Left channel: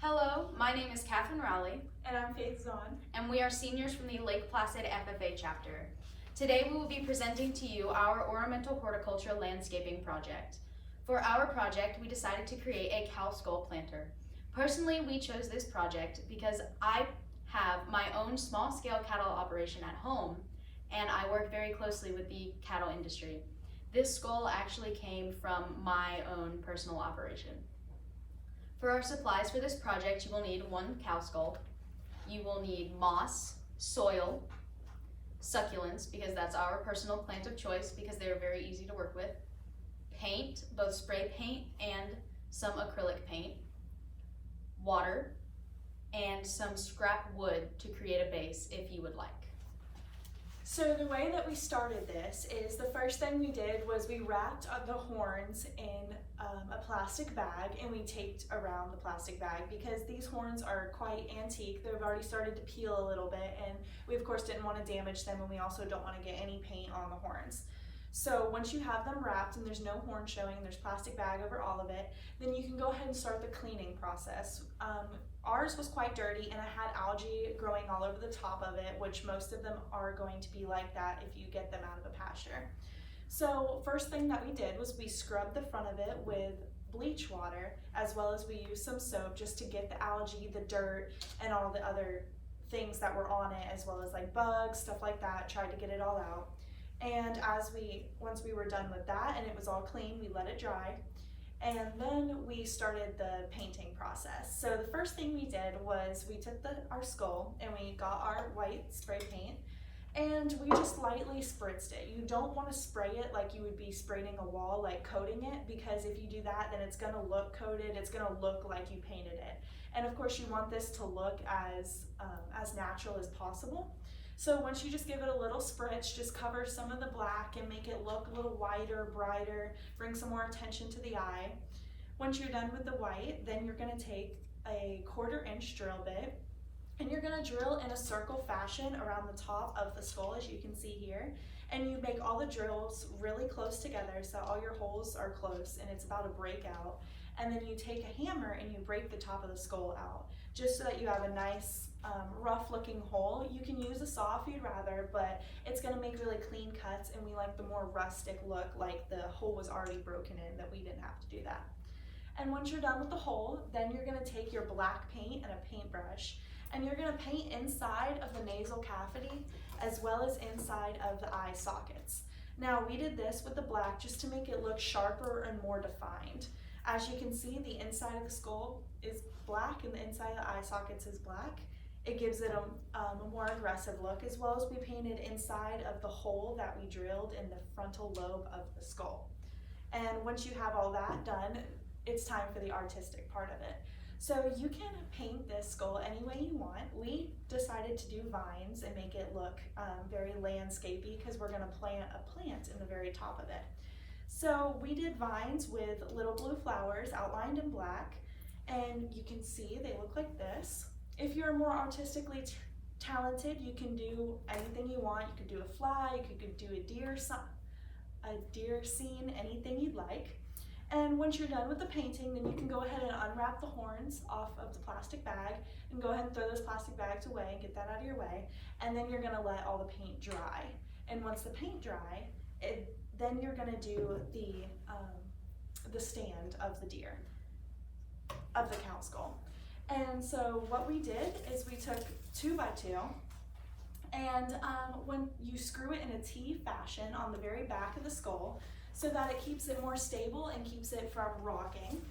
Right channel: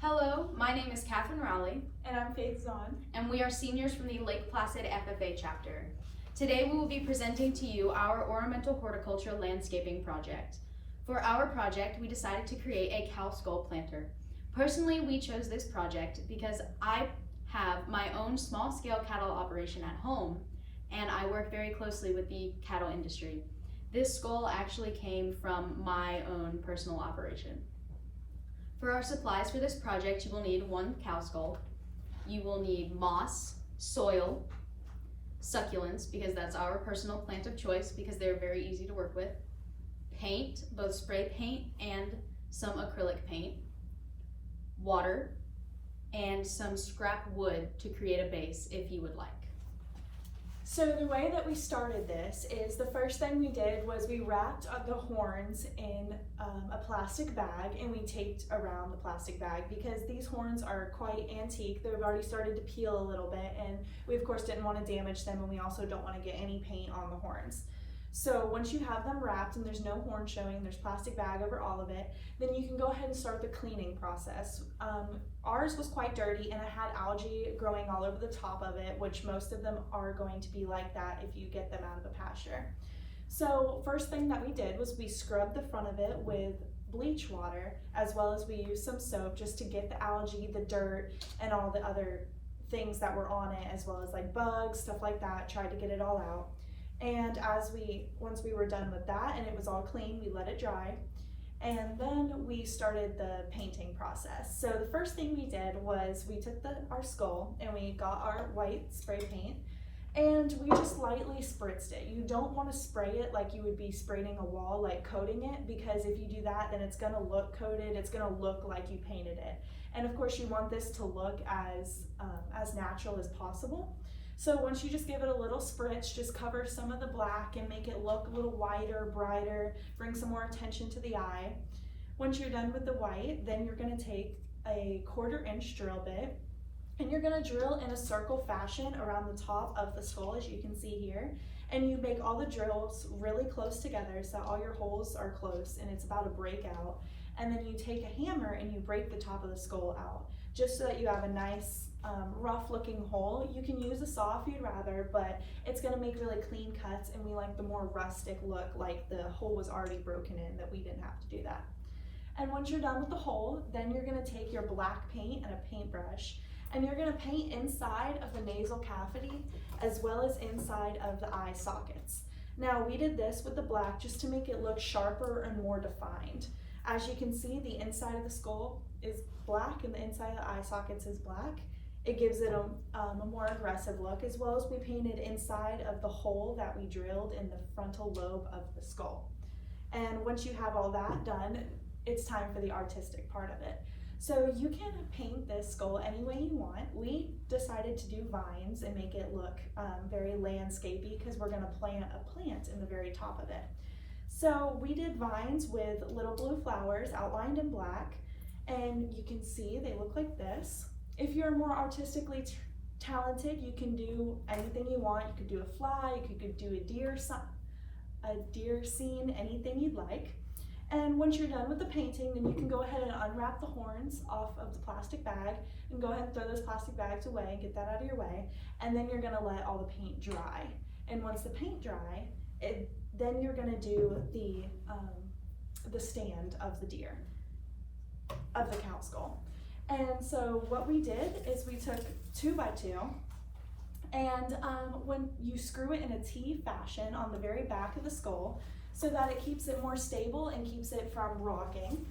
Hello, my name is Catherine Rowley, And I'm Faith Zahn. and we are seniors from the Lake Placid FFA chapter. Today we will be presenting to you our ornamental horticulture landscaping project. For our project, we decided to create a cow skull planter. Personally, we chose this project because I have my own small-scale cattle operation at home, and I work very closely with the cattle industry. This skull actually came from my own personal operation. For our supplies for this project, you will need one cow skull. You will need moss, soil, succulents, because that's our personal plant of choice because they're very easy to work with, paint, both spray paint and some acrylic paint, water, and some scrap wood to create a base if you would like. So the way that we started this is the first thing we did was we wrapped the horns in a plastic bag, and we taped around the plastic bag because these horns are quite antique. They've already started to peel a little bit, and we of course didn't want to damage them, and we also don't want to get any paint on the horns. So once you have them wrapped and there's no horn showing, there's plastic bag over all of it, then you can go ahead and start the cleaning process. Ours was quite dirty and it had algae growing all over the top of it, which most of them are going to be like that if you get them out of a pasture. So first thing that we did was we scrubbed the front of it with bleach water, as well as we used some soap just to get the algae, the dirt, and all the other things that were on it, as well as like bugs, stuff like that, tried to get it all out. And once we were done with that and it was all clean, we let it dry. And then we started the painting process. So the first thing we did was we took our skull and we got our white spray paint and we just lightly spritzed it. You don't want to spray it like you would be spraying a wall, like coating it, because if you do that, then it's going to look coated. It's going to look like you painted it. And of course you want this to look as natural as possible. So once you just give it a little spritz, just cover some of the black and make it look a little whiter, brighter, bring some more attention to the eye. Once you're done with the white, then you're gonna take a 1/4 inch drill bit and you're gonna drill in a circle fashion around the top of the skull, as you can see here. And you make all the drills really close together so all your holes are close and it's about a breakout. And then you take a hammer and you break the top of the skull out, just so that you have a nice rough looking hole. You can use a saw if you'd rather, but it's gonna make really clean cuts, and we like the more rustic look, like the hole was already broken in, that we didn't have to do that. And once you're done with the hole, then you're gonna take your black paint and a paintbrush, and you're gonna paint inside of the nasal cavity as well as inside of the eye sockets. Now we did this with the black just to make it look sharper and more defined. As you can see, the inside of the skull is black and the inside of the eye sockets is black. It gives it a more aggressive look, as well as we painted inside of the hole that we drilled in the frontal lobe of the skull. And once you have all that done, it's time for the artistic part of it. So you can paint this skull any way you want. We decided to do vines and make it look very landscapey because we're gonna plant a plant in the very top of it. So we did vines with little blue flowers outlined in black, and you can see they look like this. If you're more artistically talented, you can do anything you want. You could do a flag, you could do a deer scene, anything you'd like. And once you're done with the painting, then you can go ahead and unwrap the horns off of the plastic bag and go ahead and throw those plastic bags away and get that out of your way. And then you're gonna let all the paint dry. And once the paint dry, then you're gonna do the stand of the deer, of the cow skull. And so what we did is we took 2x2, and when you screw it in a T fashion on the very back of the skull so that it keeps it more stable and keeps it from rocking,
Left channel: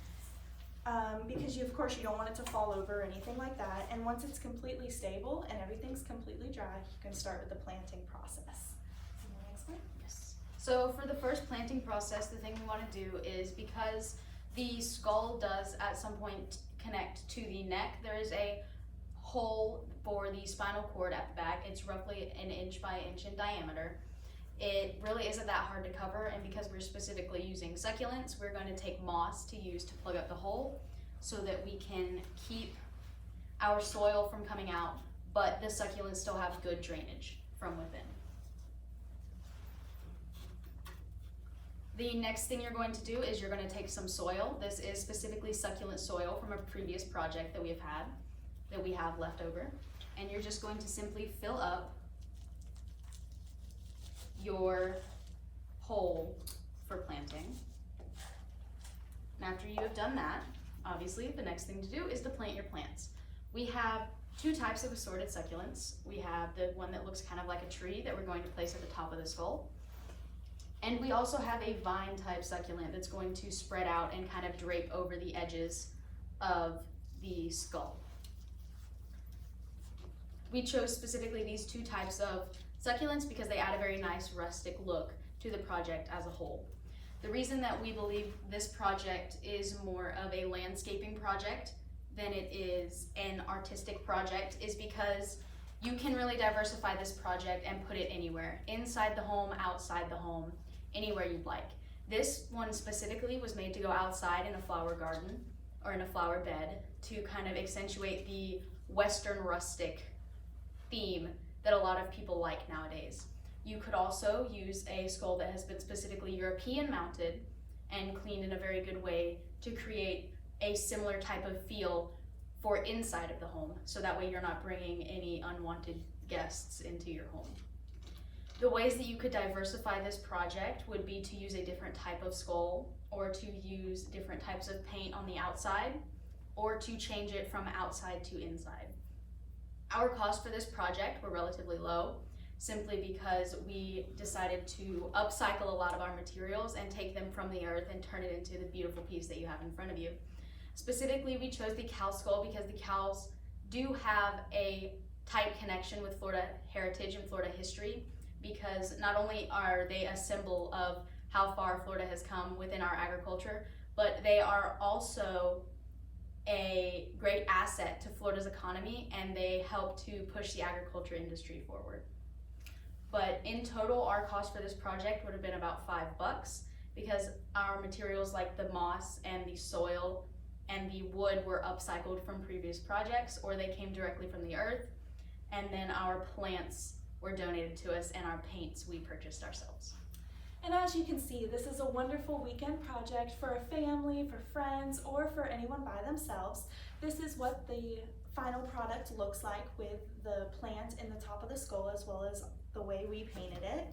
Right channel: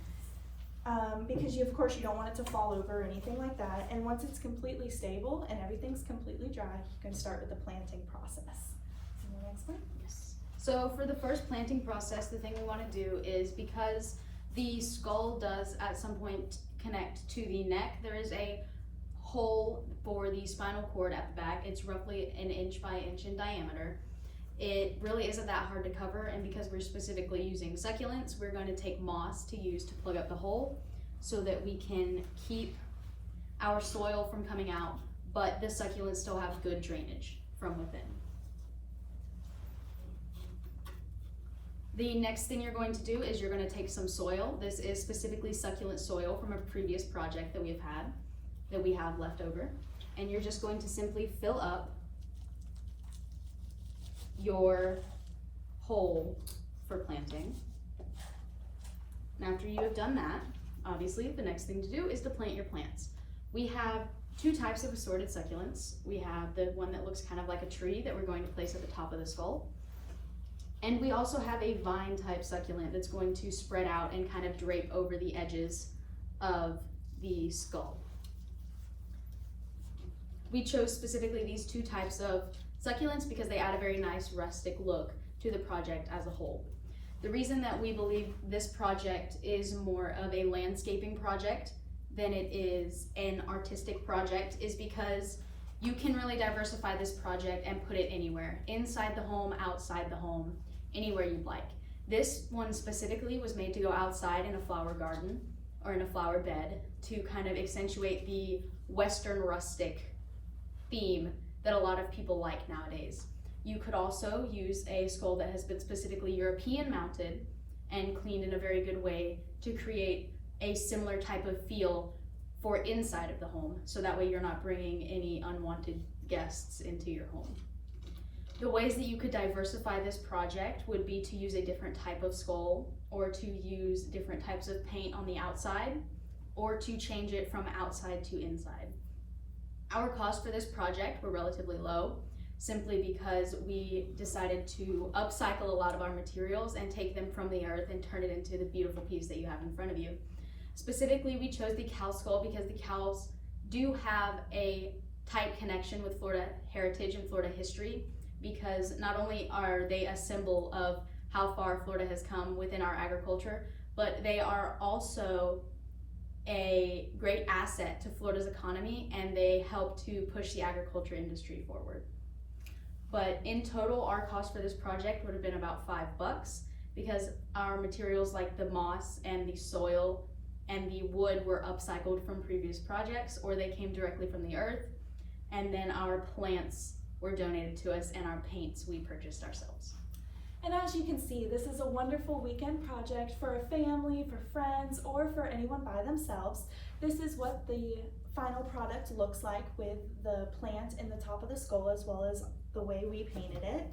because of course you don't want it to fall over or anything like that. And once it's completely stable and everything's completely dry, you can start with the planting process. You want to explain? Yes. So for the first planting process, the thing we want to do is, because the skull does at some point connect to the neck, there is a hole for the spinal cord at the back. It's roughly 1 inch by 1 inch in diameter. It really isn't that hard to cover, and because we're specifically using succulents, we're going to take moss to use to plug up the hole so that we can keep our soil from coming out, but the succulents still have good drainage from within. The next thing you're going to do is you're going to take some soil. This is specifically succulent soil from a previous project that we have left over. And you're just going to simply fill up your hole for planting. And after you have done that, obviously the next thing to do is to plant your plants. We have two types of assorted succulents. We have the one that looks kind of like a tree that we're going to place at the top of the skull. And we also have a vine type succulent that's going to spread out and kind of drape over the edges of the skull. We chose specifically these two types of succulents because they add a very nice rustic look to the project as a whole. The reason that we believe this project is more of a landscaping project than it is an artistic project is because you can really diversify this project and put it anywhere, inside the home, outside the home, anywhere you'd like. This one specifically was made to go outside in a flower garden or in a flower bed to kind of accentuate the Western rustic theme that a lot of people like nowadays. You could also use a skull that has been specifically European mounted and cleaned in a very good way to create a similar type of feel for inside of the home, so that way you're not bringing any unwanted guests into your home. The ways that you could diversify this project would be to use a different type of skull, or to use different types of paint on the outside, or to change it from outside to inside. Our costs for this project were relatively low, simply because we decided to upcycle a lot of our materials and take them from the earth and turn it into the beautiful piece that you have in front of you. Specifically, we chose the cow skull because the cows do have a tight connection with Florida heritage and Florida history, because not only are they a symbol of how far Florida has come within our agriculture, but they are also a great asset to Florida's economy, and they help to push the agriculture industry forward. But in total, our cost for this project would have been about $5, because our materials like the moss and the soil and the wood were upcycled from previous projects, or they came directly from the earth. And then our plants were donated to us, and our paints we purchased ourselves. And as you can see, this is a wonderful weekend project for a family, for friends, or for anyone by themselves. This is what the final product looks like with the plant in the top of the skull, as well as the way we painted it.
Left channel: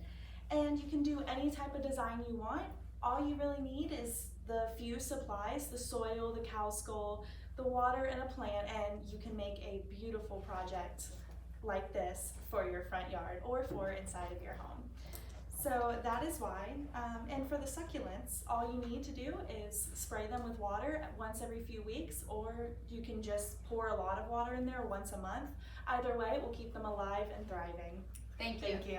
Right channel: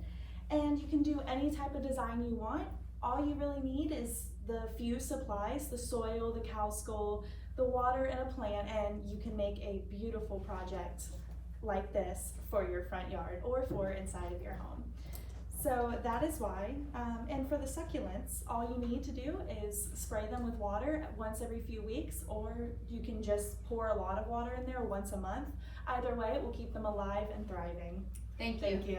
And you can do any type of design you want. All you really need is the few supplies, the soil, the cow skull, the water, and a plant, and you can make a beautiful project like this for your front yard or for inside of your home. So that is why, and for the succulents, all you need to do is spray them with water once every few weeks, or you can just pour a lot of water in there once a month. Either way, it will keep them alive and thriving. Thank you. Thank you.